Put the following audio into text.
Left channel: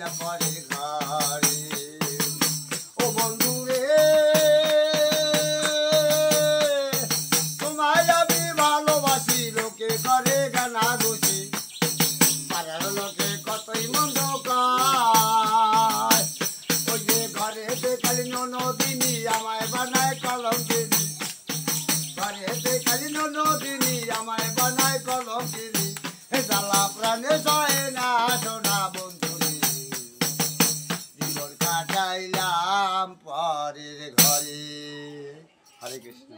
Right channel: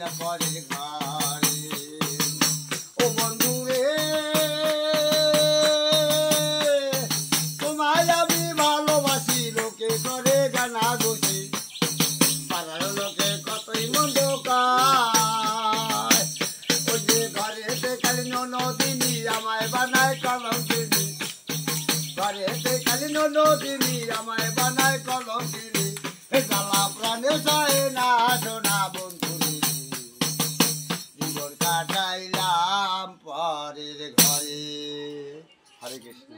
আইলা পরের ঘরে ও বন্ধু রে তোমায় আমি ভালোবাসি লোকে করে গানা গুছি পাড়ার লোকে কতই মন্দ কায় ওই যে ঘরেতে খালি ননদিনী আমায় বানায় কলঙ্কিনী ঘরেতে খালি ননদিনী আমায় বানায় কলঙ্কিনী জ্বালা প্রাণে যায় না সোনা বন্ধুরে জীবন কাটাইলাম পরের ঘরে। হরে কৃষ্ণ।